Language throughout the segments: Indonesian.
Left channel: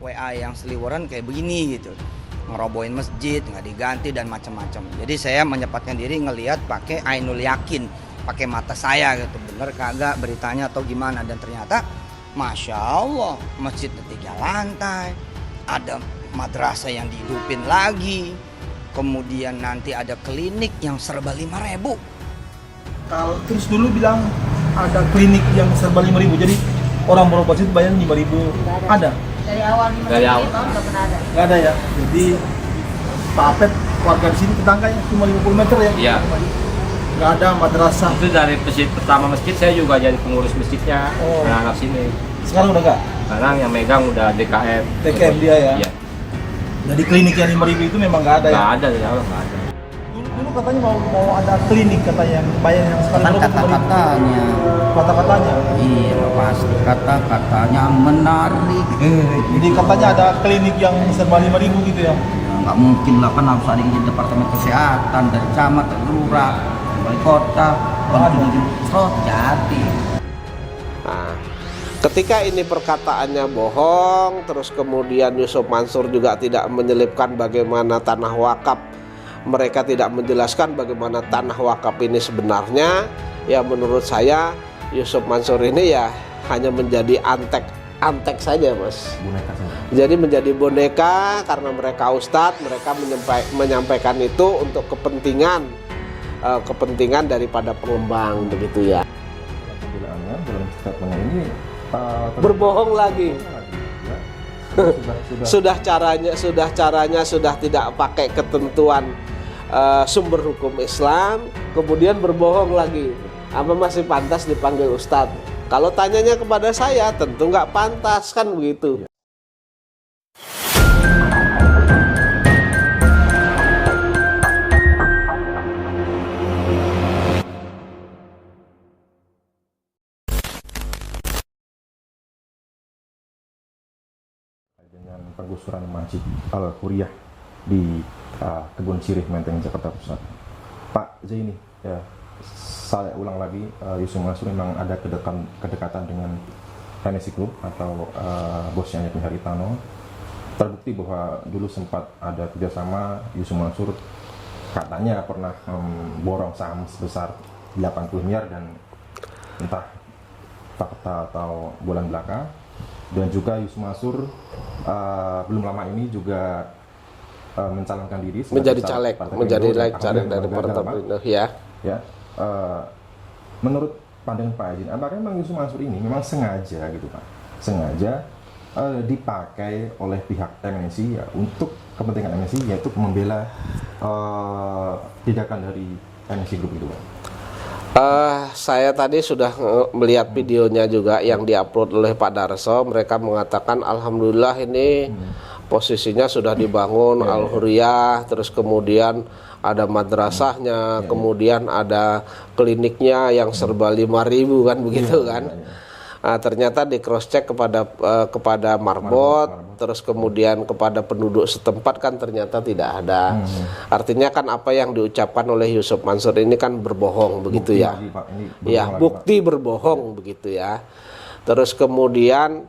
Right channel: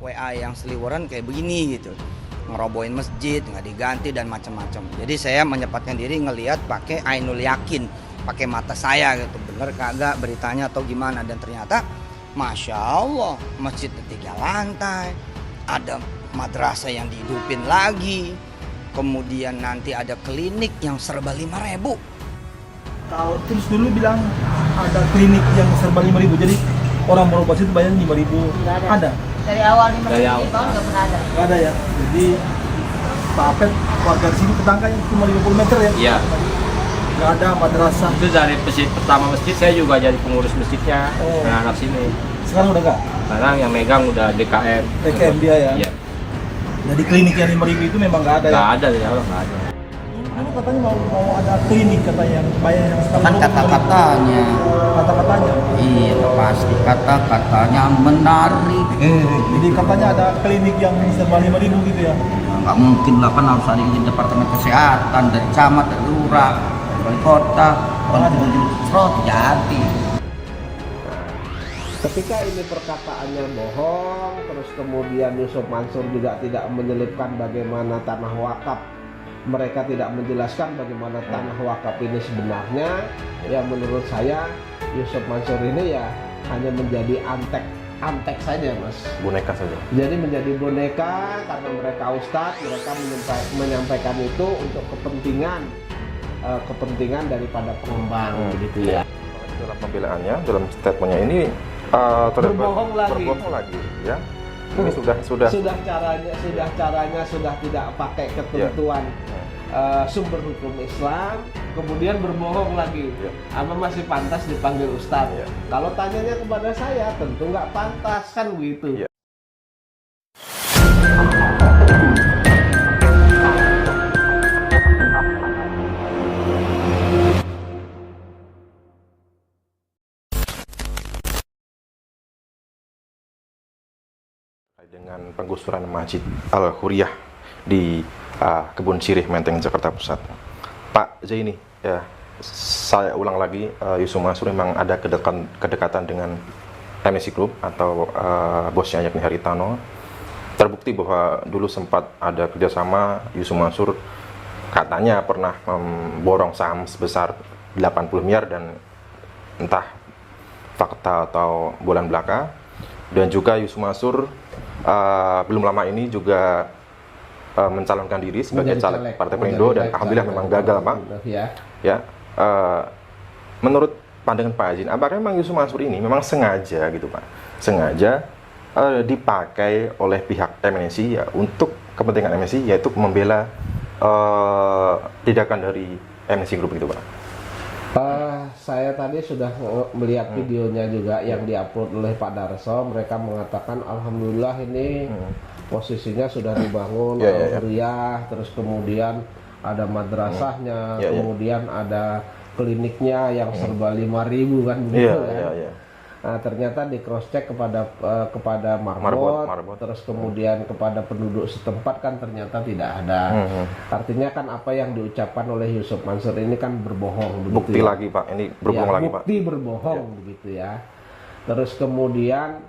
WA yang seliweran kayak begini gitu, ngerobohin masjid nggak diganti dan macam-macam. Jadi saya menyempatkan diri ngelihat pakai ainul yakin, pakai mata saya gitu, bener kagak beritanya atau gimana. Dan ternyata Masya Allah, masjid 3 lantai, ada madrasah yang dihidupin lagi, kemudian nanti ada klinik yang serba 5.000. Kalau terus dulu bilang ada klinik yang serba 5.000, jadi orang berobat itu bayar 5.000. Ada? Dari awal 5 tahun nggak pernah ada. Nggak ada ya. Jadi Pak Apep, warga di sini tetangganya cuma 50 meter ya? Iya. Nggak ada madrasah. Itu dari pertama masjid saya juga jadi pengurus masjidnya, Oh. anak sini. Sekarang udah nggak? Sekarang yang megang udah DKM. DKM dia ya? Iya. Jadi klinik yang 5.000 itu memang nggak ada ya? Nggak ada dari awal, nggak ada. Dulu katanya mau ada klinik katanya yang bayar yang sekarang Kan 25.000. kata-katanya, Kata-katanya. iya pasti kata-katanya menarik. Jadi katanya ada klinik yang serba 5.000 gitu ya? Nggak mungkin lah, kan harus ada di departemen kesehatan, dari camat, dari lurah, dari wali kota, jadi. Nah, ketika ini perkataannya bohong, terus kemudian Yusuf Mansur juga tidak menyelipkan bagaimana tanah wakaf, mereka tidak menjelaskan bagaimana tanah wakaf ini sebenarnya, ya menurut saya Yusuf Mansur ini ya hanya menjadi antek saja, Mas. Boneka saja. Jadi menjadi boneka karena mereka ustadz, mereka menyampaikan itu untuk kepentingan daripada pengembang, begitu ya. Dalam pembelaannya, dalam statementnya ini Berbohong lagi. Ya. Ini sudah Caranya sudah tidak pakai ketentuan sumber hukum Islam, kemudian berbohong lagi. Apa masih pantas dipanggil ustadz? Kalau tanyanya kepada saya, tentu nggak pantas, kan begitu. dengan penggusuran Masjid Al-Huriyah di Kebun Sirih, Menteng, Jakarta Pusat. Pak Zaini, ya, saya ulang lagi, Yusuf Mansur memang ada kedekatan dengan MSI Group atau bosnya yakni Haritano. Terbukti bahwa dulu sempat ada kerjasama. Yusuf Mansur katanya pernah memborong saham sebesar 80 miliar dan entah fakta atau bulan belaka. Dan juga Yusuf Mansur belum lama ini juga mencalonkan diri sebagai caleg Partai Perindo dan alhamdulillah memang gagal, Pak. Ya. Menurut pandangan Pak Azin, apakah memang Yusuf Mansur ini memang sengaja gitu, Pak? Sengaja dipakai oleh pihak MNC ya untuk kepentingan MNC, yaitu membela tindakan dari MNC Group gitu, Pak? Saya tadi sudah melihat videonya juga yang diupload oleh Pak Darso. Mereka mengatakan alhamdulillah ini posisinya sudah dibangun Al-Huriyah, terus kemudian ada madrasahnya, kemudian ada kliniknya yang serba 5.000 kan begitu kan. Nah, ternyata di cross check kepada Marbot, terus kemudian kepada penduduk setempat kan ternyata tidak ada. Artinya kan apa yang diucapkan oleh Yusuf Mansur ini kan berbohong begitu Bukti ya. lagi, Pak. Ini berbohong lagi, bukti Pak. berbohong begitu ya. Terus kemudian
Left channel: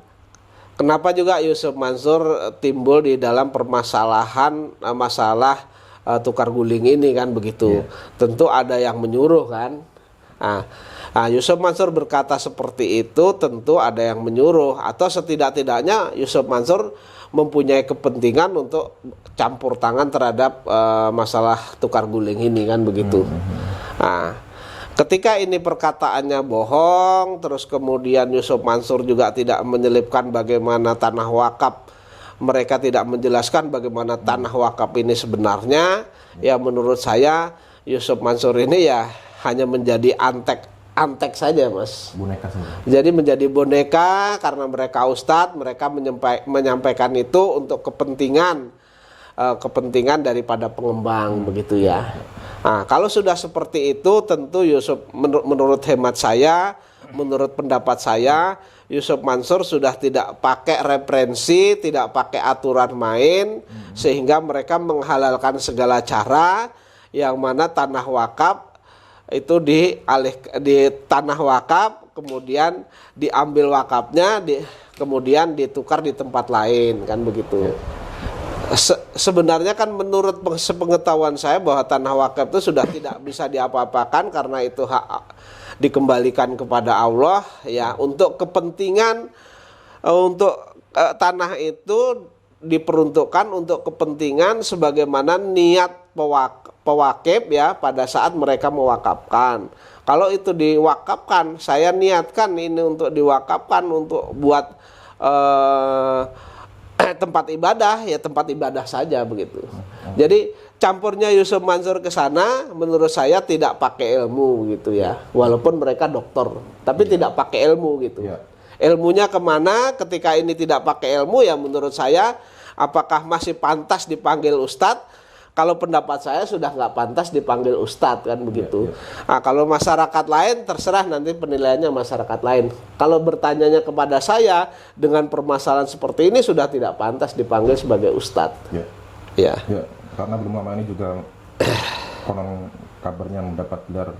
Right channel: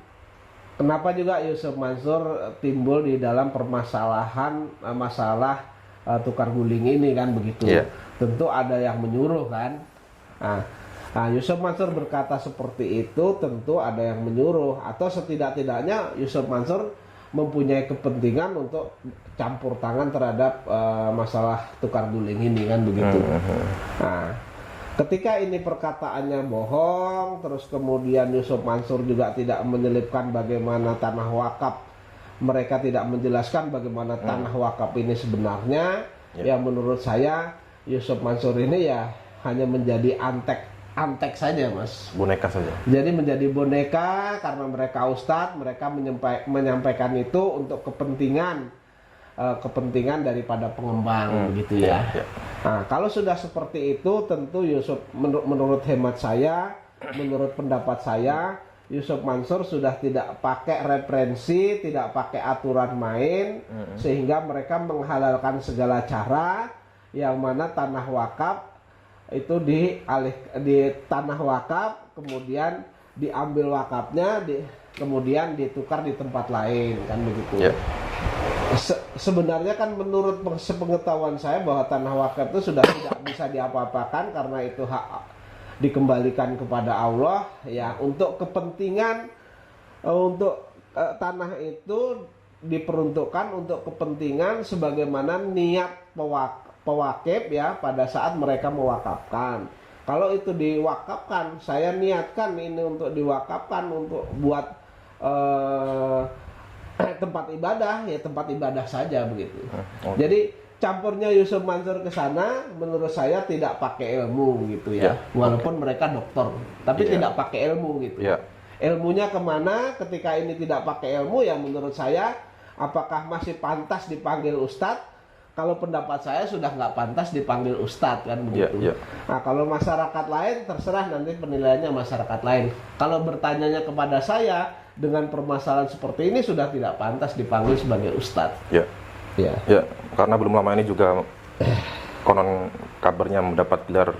kenapa juga Yusuf Mansur timbul di dalam permasalahan masalah tukar guling ini kan begitu. Tentu ada yang menyuruh kan. Nah, Yusuf Mansur berkata seperti itu tentu ada yang menyuruh, atau setidak-tidaknya Yusuf Mansur mempunyai kepentingan untuk campur tangan terhadap masalah tukar guling ini kan begitu. Nah, ketika ini perkataannya bohong, terus kemudian Yusuf Mansur juga tidak menyelipkan bagaimana tanah wakaf, mereka tidak menjelaskan bagaimana tanah wakaf ini sebenarnya, ya menurut saya Yusuf Mansur ini ya hanya menjadi antek saja, Mas. Boneka saja. Jadi menjadi boneka karena mereka ustadz, mereka menyampaikan itu untuk kepentingan daripada pengembang begitu ya. Nah, kalau sudah seperti itu tentu Yusuf menurut hemat saya, menurut pendapat saya, Yusuf Mansur sudah tidak pakai referensi, tidak pakai aturan main, sehingga mereka menghalalkan segala cara yang mana tanah wakaf itu di tanah wakaf kemudian diambil wakafnya, kemudian ditukar di tempat lain, kan begitu. Ya. Sebenarnya kan menurut sepengetahuan saya bahwa tanah wakaf itu sudah tidak bisa diapa-apakan karena itu hak dikembalikan kepada Allah ya, untuk kepentingan tanah itu diperuntukkan untuk kepentingan sebagaimana niat pewakif ya pada saat mereka mewakafkan. Kalau itu diwakafkan, saya niatkan ini untuk diwakafkan untuk buat tempat ibadah, ya tempat ibadah saja begitu. Jadi campurnya Yusuf Mansur ke sana menurut saya tidak pakai ilmu gitu ya. Walaupun mereka dokter, tapi tidak pakai ilmu gitu. Ilmunya kemana ketika ini tidak pakai ilmu ya menurut saya apakah masih pantas dipanggil ustadz? Kalau pendapat saya sudah nggak pantas dipanggil ustadz kan begitu. Nah, kalau masyarakat lain terserah nanti penilaiannya masyarakat lain. Kalau bertanyanya kepada saya dengan permasalahan seperti ini sudah tidak pantas dipanggil sebagai ustadz. Ya, karena belum lama ini juga konon kabarnya mendapat gelar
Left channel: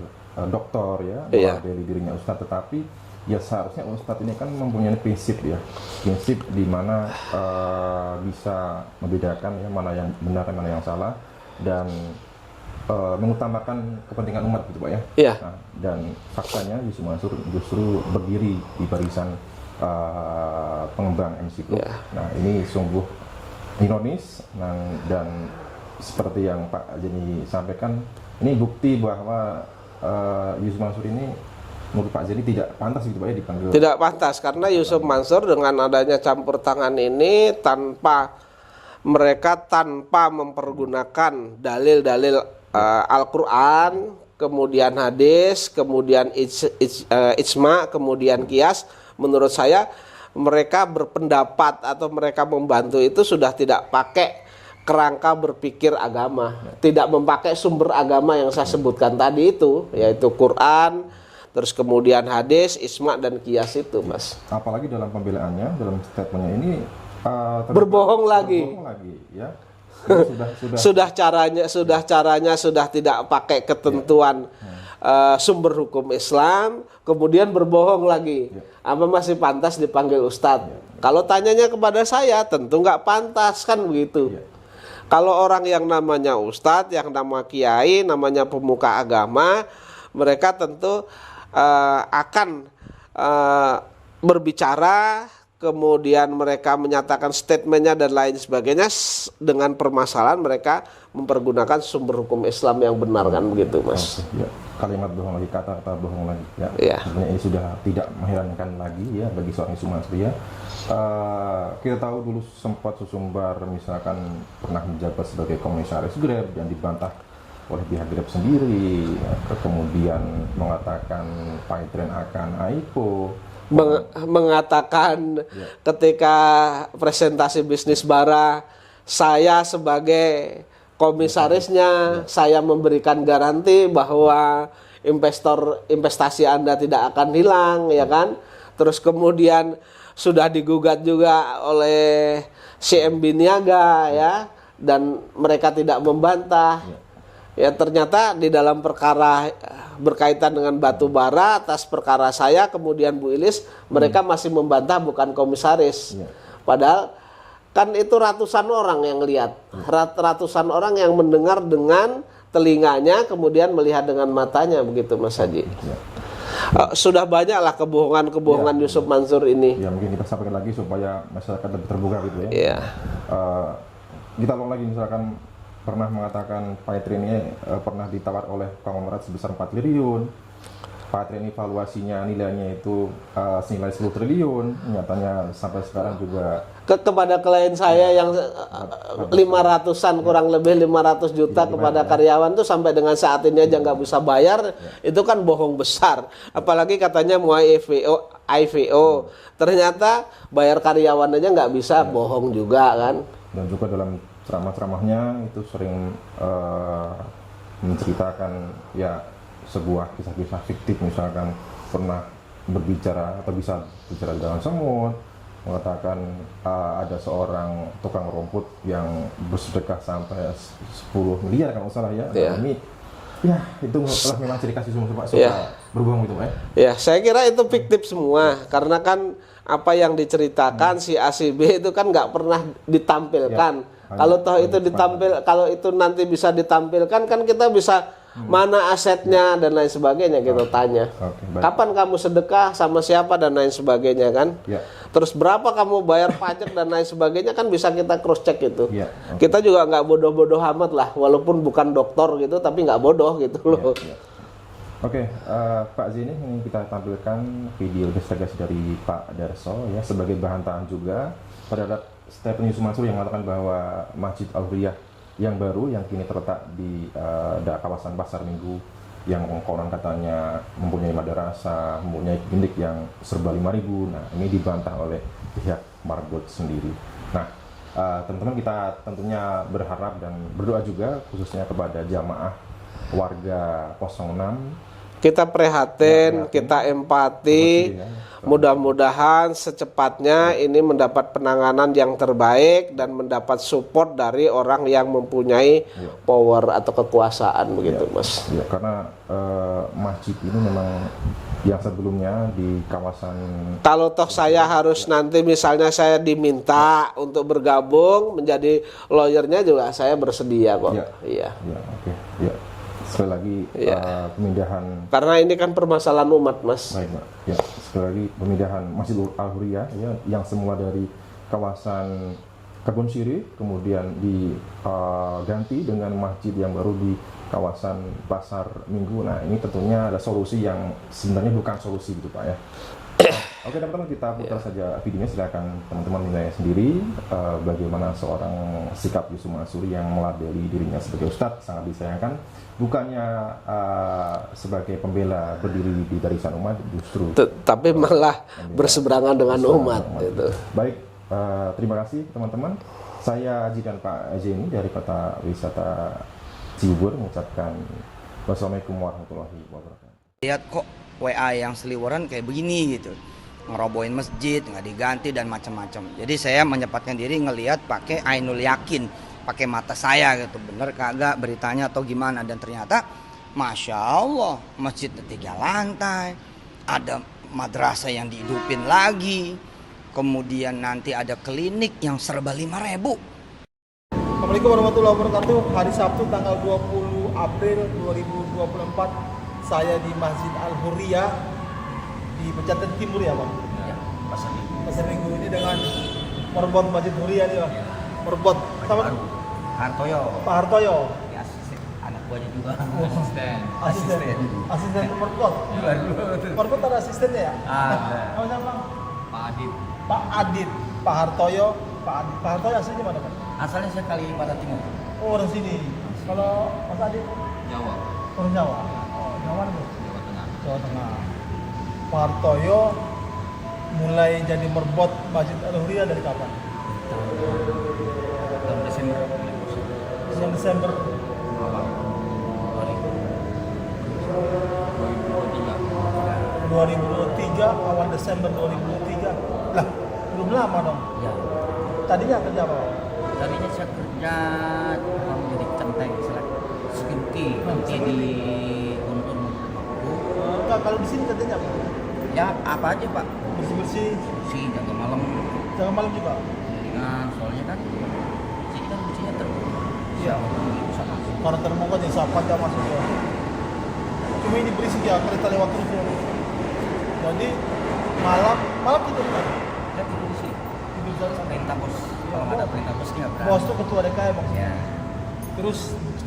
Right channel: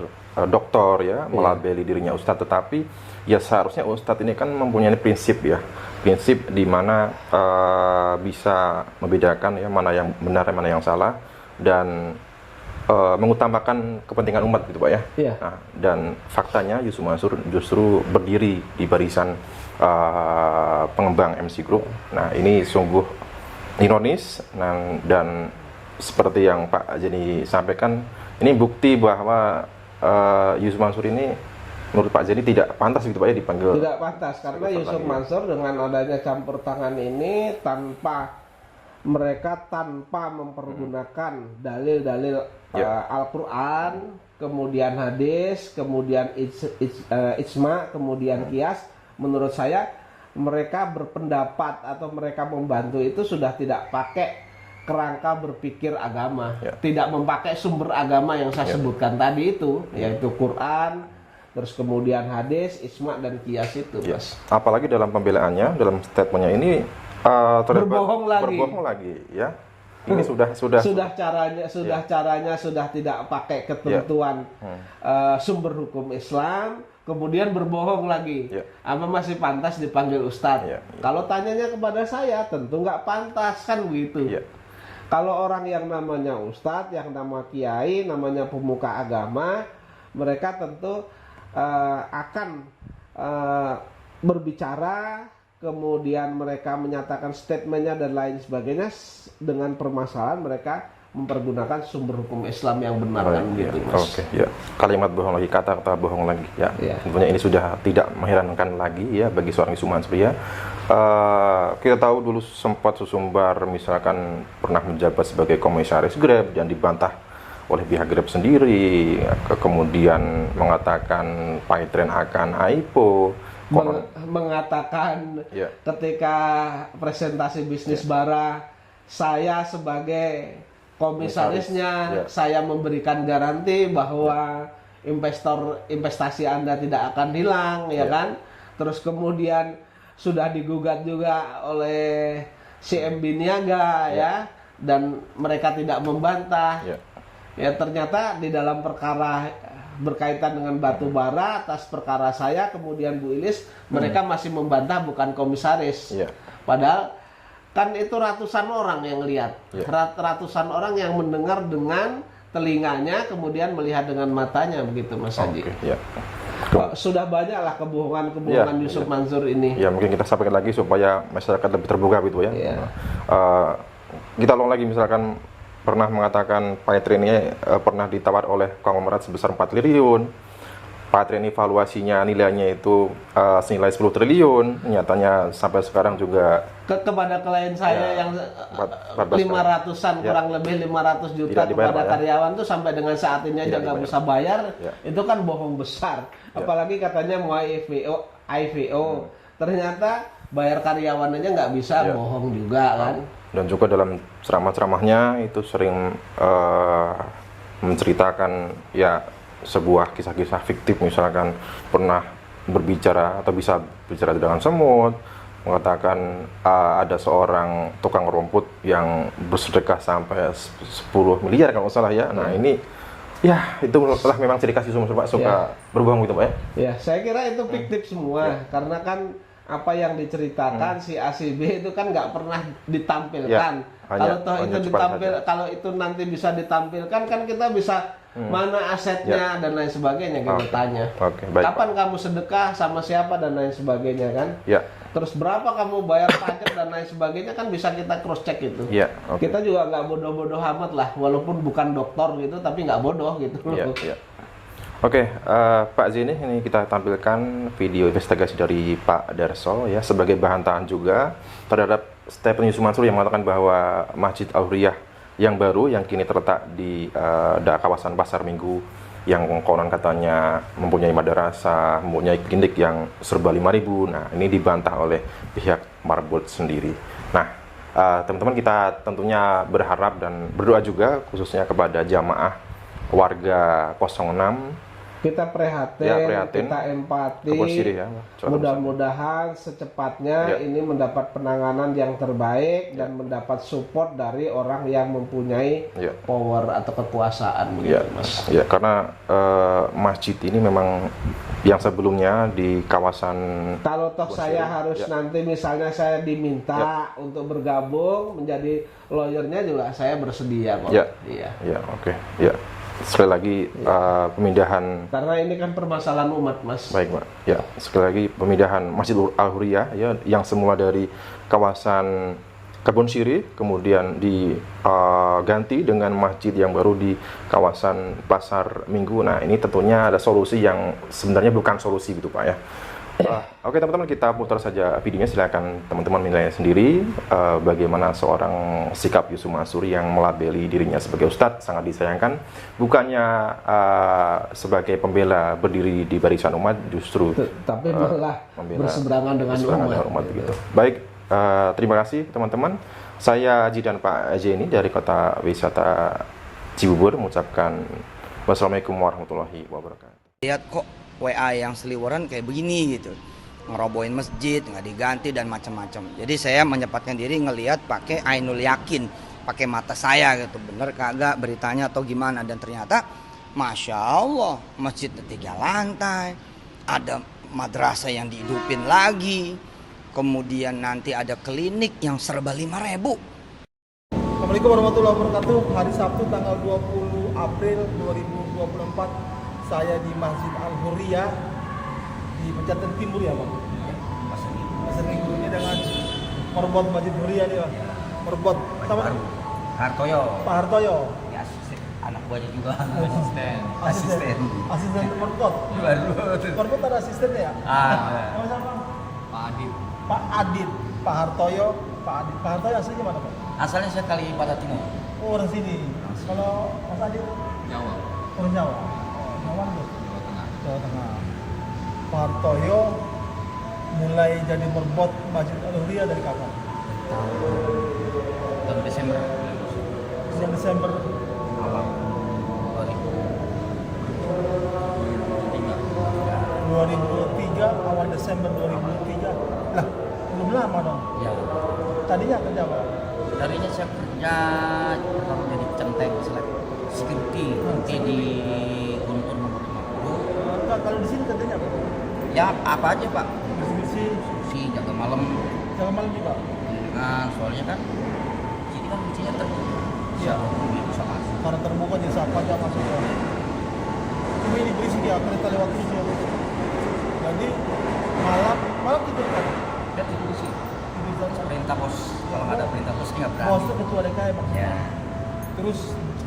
doktor ya, melabeli dirinya ustadz, tetapi ya seharusnya ustadz ini kan mempunyai prinsip ya, prinsip di mana bisa membedakan ya mana yang benar dan mana yang salah, dan mengutamakan kepentingan umat gitu Pak ya. Nah, dan faktanya Yusuf Mansur justru berdiri di barisan pengembang MC Group. Nah, ini sungguh ironis dan seperti yang Pak Jeni sampaikan, ini bukti bahwa Yusuf Mansur ini menurut Pak Jeni tidak pantas gitu Pak ya dipanggil. Tidak pantas karena Yusuf Mansur dengan adanya campur tangan ini mereka tanpa mempergunakan dalil-dalil Al-Quran, kemudian hadis, kemudian ijma, kemudian kias, menurut saya mereka berpendapat atau mereka membantu itu sudah tidak pakai kerangka berpikir agama, tidak memakai sumber agama yang saya sebutkan tadi itu, yaitu Quran, terus kemudian hadis, isma dan kias itu, Mas. Apalagi dalam pembelaannya, dalam statementnya ini berbohong lagi ya. Ini sudah caranya sudah tidak pakai ketentuan sumber hukum Islam, kemudian berbohong lagi. Apa masih pantas dipanggil ustadz? Kalau tanyanya kepada saya, tentu nggak pantas kan begitu. Kalau orang yang namanya ustadz, yang nama kiai, namanya pemuka agama, mereka tentu akan berbicara, kemudian mereka menyatakan statementnya dan lain sebagainya dengan permasalahan mereka mempergunakan sumber hukum Islam yang benar kan begitu Mas. Kalimat bohong lagi, kata-kata bohong lagi ya. Sebenarnya ini sudah tidak mengherankan lagi ya bagi seorang Yusuf Mansur ya. Kita tahu dulu sempat Susumbar misalkan pernah menjabat sebagai komisaris Grab dan dibantah oleh pihak Grab sendiri, kemudian mengatakan Paytren akan IPO, mengatakan ketika presentasi bisnis bara, saya sebagai komisarisnya, saya memberikan garansi bahwa investasi Anda tidak akan hilang, ya kan? Terus kemudian sudah digugat juga oleh CMB Niaga ya, dan mereka tidak membantah. Ya ternyata di dalam perkara berkaitan dengan batu bara, atas perkara saya kemudian Bu Ilis, mereka masih membantah bukan komisaris. Padahal kan itu ratusan orang yang lihat, ratusan orang yang mendengar dengan telinganya, kemudian melihat dengan matanya begitu Mas Haji. Sudah banyaklah kebohongan Yusuf Mansur ini. Ya mungkin kita sampaikan lagi supaya masyarakat lebih terbuka gitu ya. Kita ulang lagi, misalkan pernah mengatakan Paytren ini pernah ditawar oleh konglomerat sebesar 4 triliun. Paytren ini valuasinya nilainya itu senilai 10 triliun. Nyatanya sampai sekarang juga kepada klien saya yang 500-an kurang lebih 500 juta kepada karyawan tuh sampai dengan saat ini aja nggak bisa bayar. Itu kan bohong besar. Apalagi katanya mau IPO. Ternyata bayar karyawan aja nggak bisa, bohong juga kan. Dan juga dalam ceramah-ceramahnya itu sering menceritakan ya sebuah kisah-kisah fiktif, misalkan pernah berbicara atau bisa bicara dengan semut, mengatakan ada seorang tukang rumput yang bersedekah sampai 10 miliar kalau nggak salah ya. Nah ini Ya, itu telah memang ciri khas Yusuf Mansur, Pak, suka berbohong gitu, Pak ya? Ya, saya kira itu fiktif semua, karena kan apa yang diceritakan si A si B itu kan nggak pernah ditampilkan. Kalau toh itu kalau itu nanti bisa ditampilkan kan kita bisa mana asetnya dan lain sebagainya kita tanya. Baik, kapan kamu sedekah sama siapa dan lain sebagainya kan? Ya. Terus berapa kamu bayar pajak dan lain sebagainya kan bisa kita cross check itu. Ya, Kita juga nggak bodoh-bodoh amat lah, walaupun bukan dokter gitu tapi nggak bodoh gitu loh. Oke, Pak Zini, ini kita tampilkan video investigasi dari Pak Darso ya sebagai bahan tahan juga terhadap statement Yusuf Mansur yang mengatakan bahwa Masjid Al-Huriyah yang baru yang kini terletak di kawasan Pasar Minggu yang konon katanya mempunyai madrasah, mempunyai klinik yang serba 5.000. Nah, ini dibantah oleh pihak Marbot sendiri. Nah, teman-teman, kita tentunya berharap dan berdoa juga khususnya kepada jamaah warga 06. Kita prihatin, kita empati, ya. Mudah-mudahan secepatnya ini mendapat penanganan yang terbaik dan mendapat support dari orang yang mempunyai power atau kekuasaan begitu, Mas. Ya, karena masjid ini memang yang sebelumnya di kawasan. Kalau toh saya harus nanti misalnya saya diminta untuk bergabung menjadi lawyernya juga saya bersedia kok. Iya, oke. Ya. Sekali lagi pemindahan, karena ini kan permasalahan umat, Mas. Baik, Pak. Ya, sekali lagi pemindahan Masjid Al-Huriyah ya yang semula dari kawasan Kebon Sirih kemudian diganti dengan masjid yang baru di kawasan Pasar Minggu. Nah, ini tentunya ada solusi yang sebenarnya bukan solusi gitu, Pak ya. Oke, teman-teman, kita putar saja videonya, silakan teman-teman menilai sendiri bagaimana seorang sikap Yusuf Mansur yang melabeli dirinya sebagai ustadz sangat disayangkan, bukannya sebagai pembela berdiri di barisan umat, justru tapi malah berseberangan dengan umat gitu. Baik, terima kasih teman-teman. Saya Haji dan Pak Jenny dari Kota Wisata Cibubur mengucapkan wassalamualaikum warahmatullahi wabarakatuh. Lihat kok WA yang seliweran kayak begini gitu, ngerobohin masjid, nggak diganti dan macam-macam. Jadi saya menyempatkan diri ngelihat pakai ainul yakin, pakai mata saya gitu, bener kagak beritanya atau gimana. Dan ternyata Masya Allah, masjid 3 lantai, ada madrasah yang dihidupin lagi, kemudian nanti ada klinik yang serba 5.000. Assalamualaikum warahmatullahi wabarakatuh. Hari Sabtu tanggal 20 April 2024, saya di Masjid Al-Huriyah di Pejaten Timur ya, Pak? Ya, Pasar Minggu ini dengan Marbot Masjid Huriyah nih, Pak. Marbot sama Hartoyo. Pak Hartoyo. Ya, anak buahnya juga. Asisten Marbot. Marbot ada asistennya ya? Nama siapa, Bang? Pak Adit. Pak Hartoyo, Pak Adit. Pak Hartoyo aslinya mana, Pak? Asalnya saya Kalimantan Timur. Oh, orang sini. Kalau Mas Adit? Jawa, Orang Jawa. Oh, Jawa nih, Jawa Tengah. Jawa Tengah. Pak Hartoyo mulai jadi merbot Masjid Al-Huriyah dari kapan? Tahun Desember. Desember Awal. 2023, awal Desember 2023. Lah, belum lama dong. Ya. Tadinya kerja apa? Tadinya saya kerja menjadi centeng security di Rumpun nomor 50. Enggak, kalau di sini kerjanya apa? Ya apa aja Pak, Bersih-bersih, si jaga malam. jangan malam juga. Nah soalnya kan kita biasanya terbuka. Iya. Bisa masuk. Karena terbuka jadi siapa aja masuk ya. Cuma ini berisik ya, kereta lewat terus ya. Jadi malam tidur kan? Kita tidur di sini. Tidur jam Perintah bos, kalau nggak ada perintah bos nggak berani. bos itu ketua DKM maksudnya. Ya. Terus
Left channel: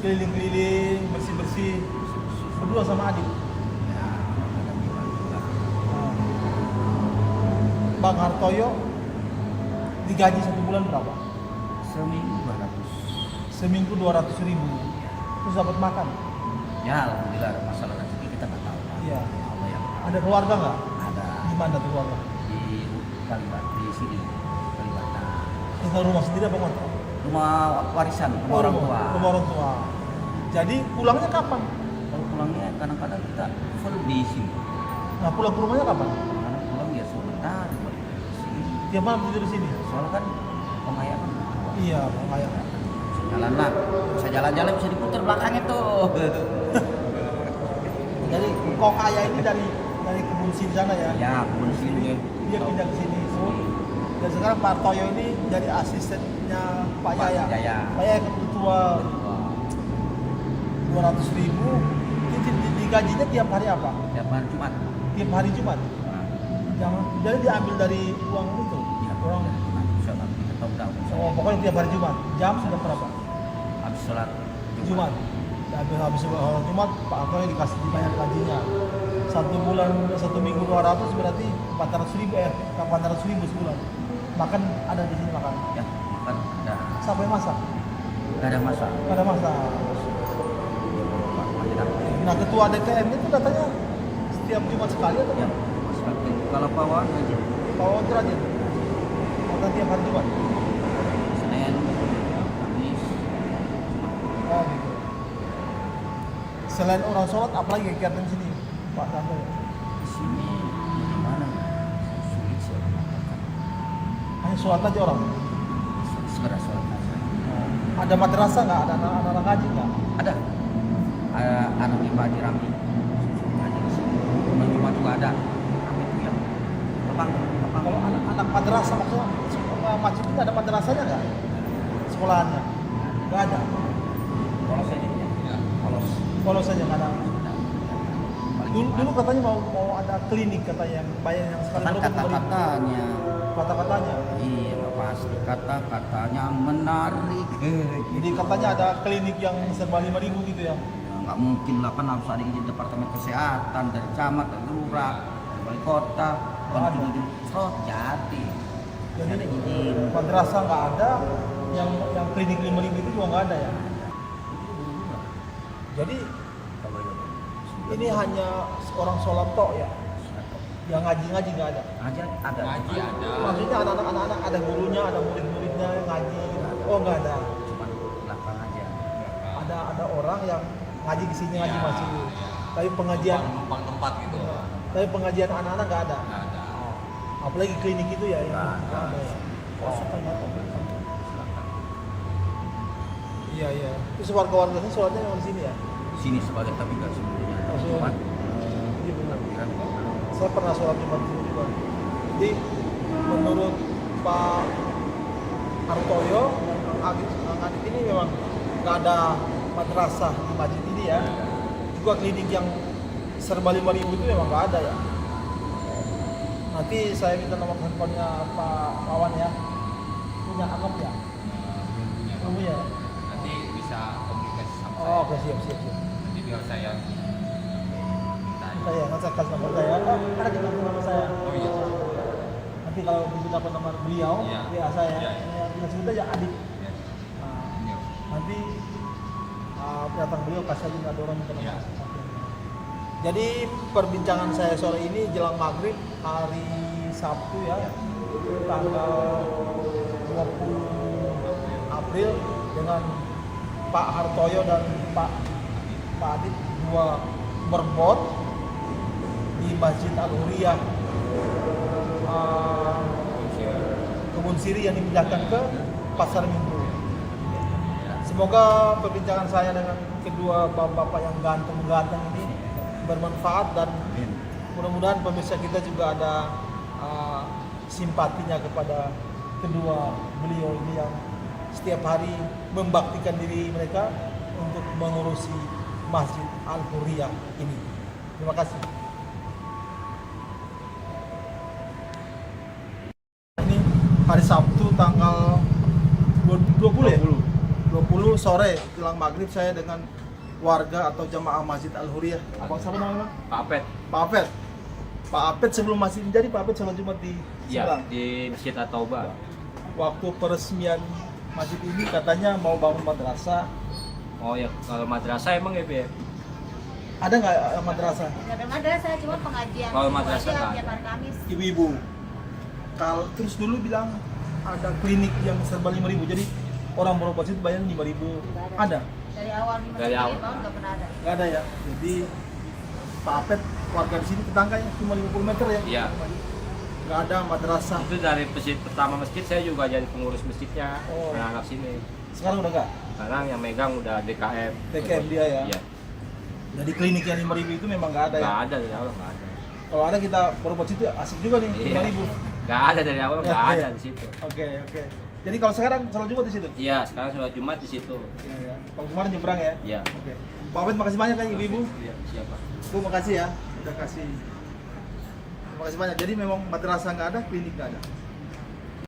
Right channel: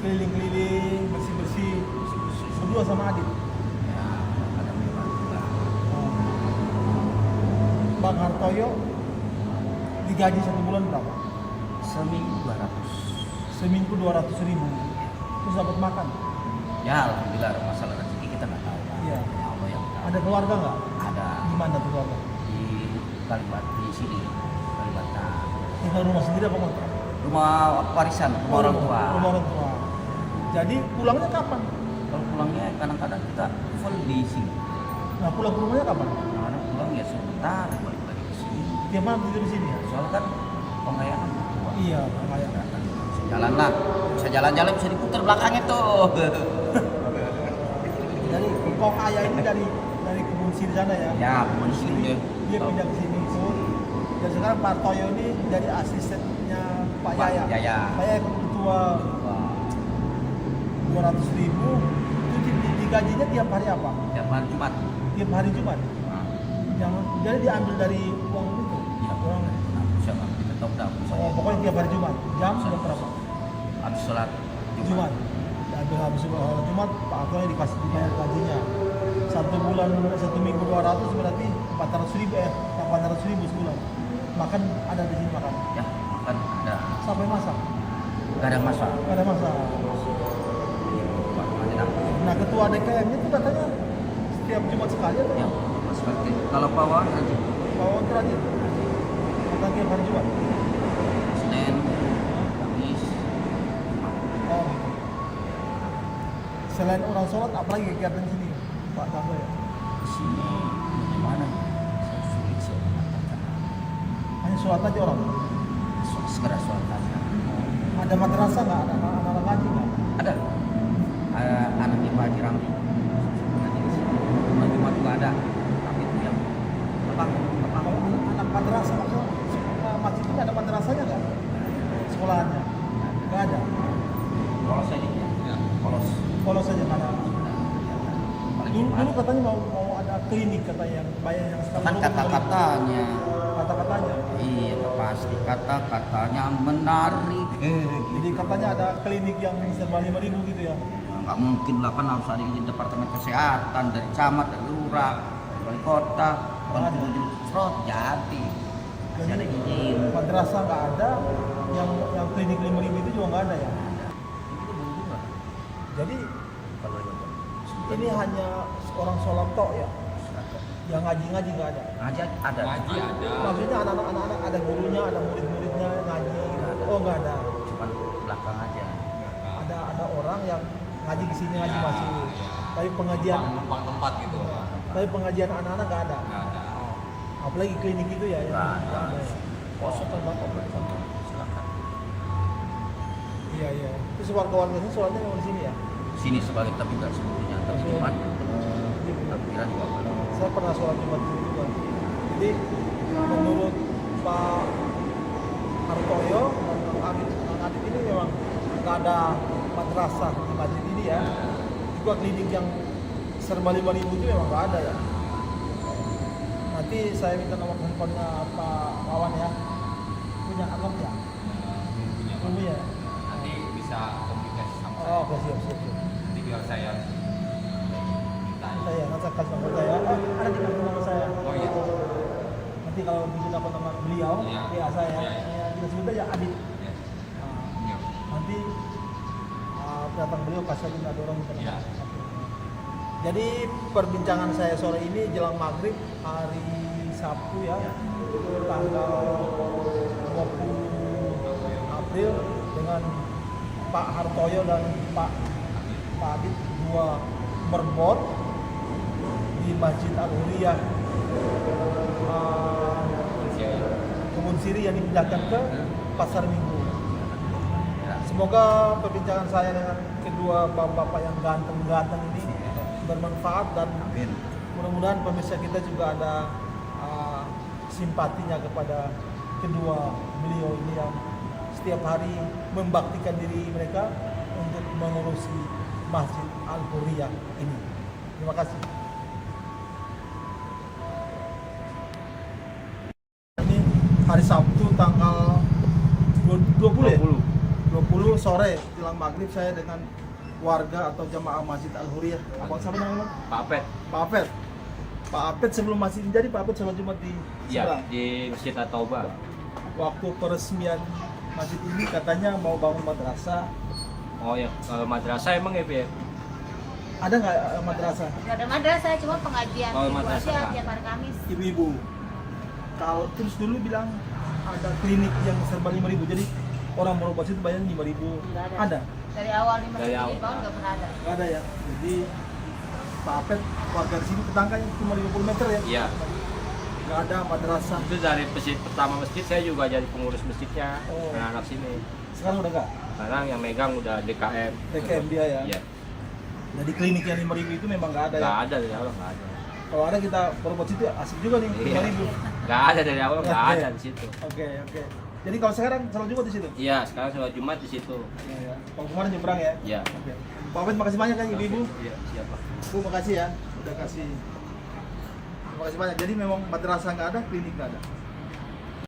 keliling-keliling, bersih-bersih, berdua sama adik. Ya, ada memang juga. Bang Hartoyo digaji 1 bulan berapa? Seminggu 200. Seminggu 200.000. Terus dapat makan? Ya alhamdulillah, ada masalah rezeki kita nggak tahu Pak. Iya. Allah yang tahu. Ada keluarga nggak? Ada Di mana tuh keluarga? di Kalimantan, di sini Kalimantan. Tinggal rumah sendiri apa kontrak? Rumah warisan, rumah orang tua. Rumah orang tua. Jadi pulangnya kapan? Kalau pulangnya kadang-kadang kita full di sini. Nah, pulang ke rumahnya kapan? Kadang pulang ya sebentar balik lagi di sini. Tiap malam tidur di sini. Soalnya kan pengayaan tua. Iya, kayak Jalan lah, bisa jalan-jalan bisa diputar belakangnya tuh. Dari Kong Ayah ini dari kebun siri sana ya? Ya, kebun siri. Dia pindah ke sini pun. Dan sekarang Pak Toyo ini jadi asistennya Pak Yaya. Pak Yaya ketua 200.000. Itu digajinya tiap hari apa? Tiap hari Jumat. Tiap hari Jumat. Jadi diambil dari uang itu. Ya, Uang. kita tahu dah. Oh, pokoknya tiap hari Jumat. Jam berapa? Habis sholat Jumat. Habis Jumat Pak Toyo dikasih dibayar gajinya. 1 minggu 200 berarti 800.000 sebulan. Makan ada di sini makan. Ya, makan ada. Sampai masak. Gak ada masak. Pada masa. Nah ketua DKM itu katanya setiap Jumat sekali atau Ya, masak. Kalau pawang aja. Bawa rajin. Makan tiap hari Jumat. Senin, Kamis, Oh gitu. Selain orang sholat, apalagi kegiatan di sini, Pak Tanto ya? di sini gimana? Sulit sih orang makan. Hanya sholat aja orang. Sekedar sholat aja. Ada madrasah nggak? Ada anak-anak ngaji nggak? Ada anak IPA di Ramli. Ngaji di sini. Bulan Jumat juga ada. Tapi itu yang lapang. Kalau anak madrasah maksudnya masjid ini ada madrasahnya nggak? Sekolahannya? Nggak ada. Polos aja. Ya. Polos. Polos saja nggak ada. Paling Dulu Jumat. katanya mau ada klinik katanya yang bayar yang sekarang Kan kata-katanya. Kata-katanya. Iya, nggak pasti kata-katanya menarik. Jadi katanya ada klinik yang serba 5.000 gitu ya? Ya, nggak mungkin lah, kan harus ada izin departemen kesehatan dari camat, dari lurah, dari wali kota, kontribusi serot jadi. Jadi Ada izin. madrasah nggak ada, yang klinik 5.000 itu juga nggak ada ya? Jadi ini hanya orang sholat tok ya? Yang ngaji nggak ada? Ngaji ada. Ngaji ada. Maksudnya anak-anak ada gurunya, ada murid-muridnya yang ngaji? Oh nggak ada. Cuma belakang aja. Ada orang yang ngaji di sini ngaji Ya, masjid. ya. Tapi pengajian, Numpang tempat gitu. tapi pengajian anak-anak nggak ada. Nggak ada. Apalagi klinik itu ya? Nggak ada. ya. Kosong kan silakan. Iya. Terus warga-warga sini sholatnya memang di sini ya? Di sini sebagai tapi nggak semuanya. Tapi Oh, Jumat Iya. takbiran kok belum. Saya pernah sholat Jumat di sini juga. Jadi menurut Pak Hartoyo dan Kang Adit ini memang nggak ada madrasah di masjid ini ya. Juga klinik yang serba 5.000 itu memang nggak ada ya. Nanti saya minta nomor handphonenya Pak Wawan ya. Punya akun ya? Punya. Nanti bisa komunikasi sama saya. Oh, oke siap. Jadi biar saya minta. Saya nanti kasih nomor saya. Oh, ada juga nomor saya. Oh iya. Nanti kalau diminta nomor beliau, Iya. WA saya, Iya. ya, kita sebut aja Adit. Ya. Nah, Iya. nanti datang beliau kasih aja ada orang minta nomor. Iya. Oke. Jadi perbincangan saya sore ini jelang maghrib hari Sabtu ya, tanggal 20 April dengan Pak Hartoyo dan Pak Adit, dua berbot di Masjid Al-Huriyah Kebun Siri yang dipindahkan ke Pasar Minggu. Semoga perbincangan saya dengan kedua bapak-bapak yang ganteng-ganteng ini bermanfaat dan mudah-mudahan pemirsa kita juga ada simpatinya kepada kedua beliau ini yang setiap hari membaktikan diri mereka untuk mengurusi Masjid Al-Huriyah ini. Terima kasih. Ini hari Sabtu tanggal 20 ya? 20 sore jelang maghrib saya dengan warga atau jamaah Masjid Al-Huriyah. Apa siapa namanya? Pak Apet. Pak Apet. Pak Apet sebelum masih menjadi Pak Apet sholat Jumat di Iya, sebelah. di Masjid At-Taubah. Waktu peresmian masjid ini katanya mau bangun madrasah. Oh ya, kalau madrasah emang ya, Pak? Ada nggak madrasah? Nggak ada madrasah, cuma pengajian. Kalau Ibu madrasah aja nggak tiap hari Kamis. Ibu-ibu. Kalau terus dulu bilang ada klinik yang serba 5.000. Jadi orang berobat itu bayar 5.000. Nggak ada. Ada? Dari awal di Dari masjid awal. ini tahun nggak pernah ada. Nggak ada ya. Jadi Pak Apet warga di sini tetangganya cuma 50 meter ya. Iya. Nggak ada madrasah. Itu dari masjid pertama masjid saya juga jadi pengurus masjidnya. Oh. Anak-anak sini. Sekarang udah nggak? Sekarang yang megang udah DKM. DKM dia ya? Iya. Jadi klinik yang 5.000 itu memang nggak ada ya? Nggak ada dari awal, nggak ada. Kalau ada kita berobat situ asik juga nih, Iya. 5.000. Nggak ada dari awal, nggak ada di situ. Oke. Jadi kalau sekarang sholat Jumat di situ? Iya, sekarang sholat Jumat di situ. Ya. Kalau kemarin nyebrang ya? Iya. Oke. Pak Ahmed makasih banyak ya ibu-ibu. Iya, siapa? Bu makasih ya, udah kasih. Terima kasih banyak. Jadi memang madrasah nggak ada, klinik nggak ada.